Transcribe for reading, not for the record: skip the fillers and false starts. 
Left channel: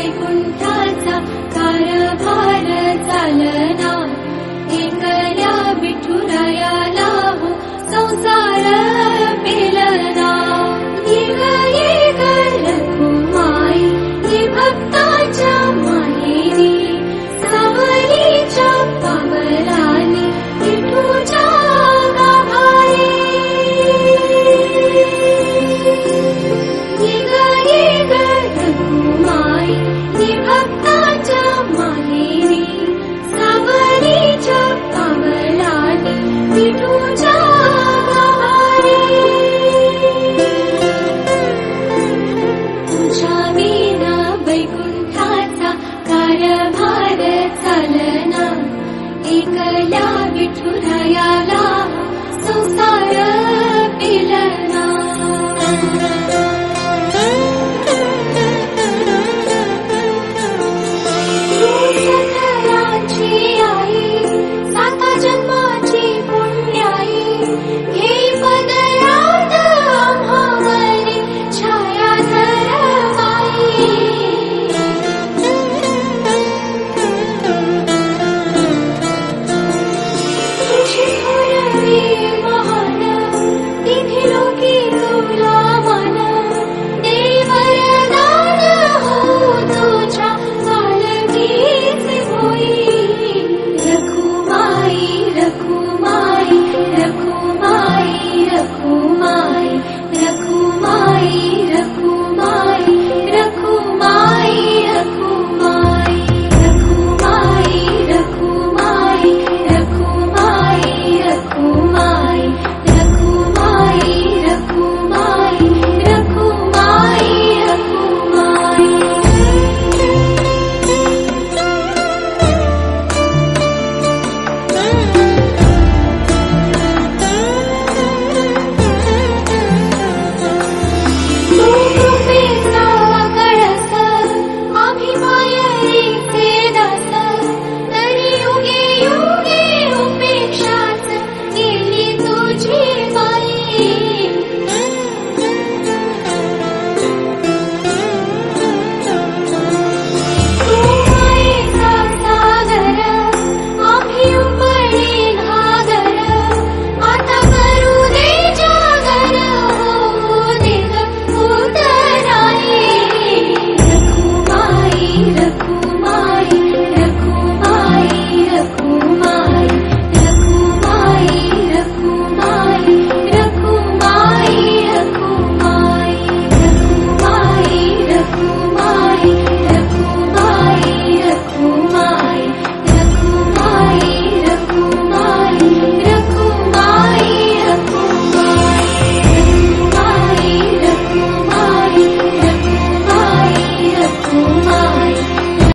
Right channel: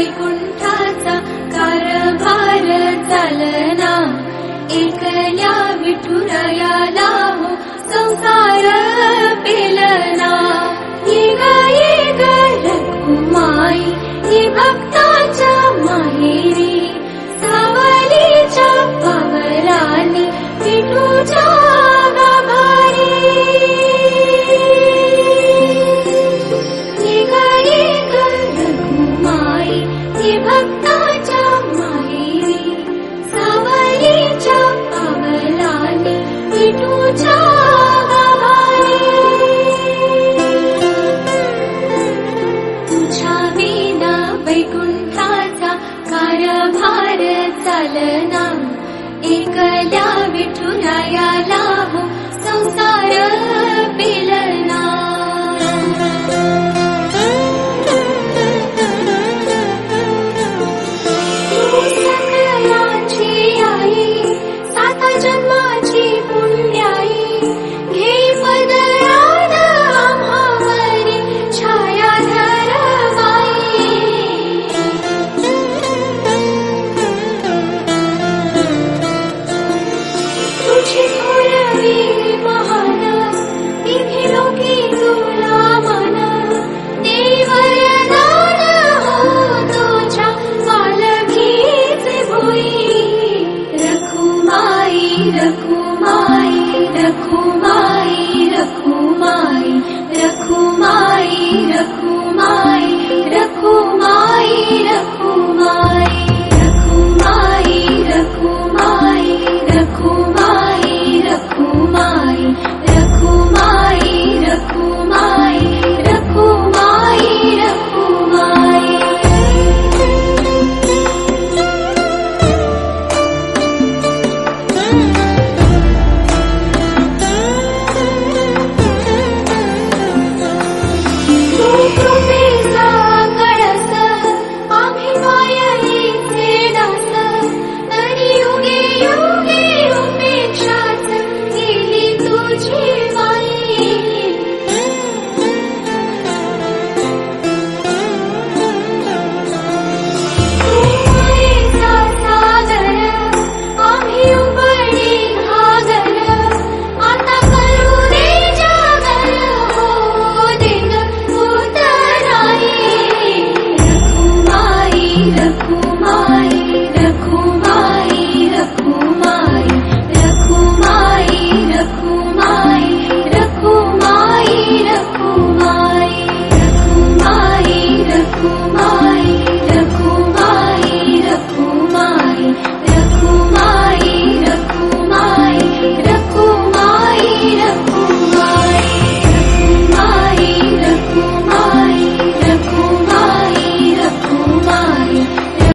वैकुंठाचा कारभार चालना, एकल्या विठुरायाला हो संसार पेलना। ये ग रखुमाई ही भक्ताच्या माहेरी, सावलीच्या पावलांनी विठूच्या गाभारी। ये ग रखुमाई ही भक्ताच्या माहेरी, सावलीच्या पावलांनी विठूच्या गाभारी। तुझ्या विना वैकुंठाचा कारभार चालना, एकल्या विठुरायाला हो संसार पेलना। सकलांची आई, साता जन्माची पुण्याई, घे पदरात आम्हावरी छाया धर माई। तुझी थोरवी महान, तिथे लोकी तुला मन, देई वरदान हो तुझ्या पालखीचे भोई। रखुमाई रखुमाई रखुमाई रखुमाई रखुमाई रखुमाई।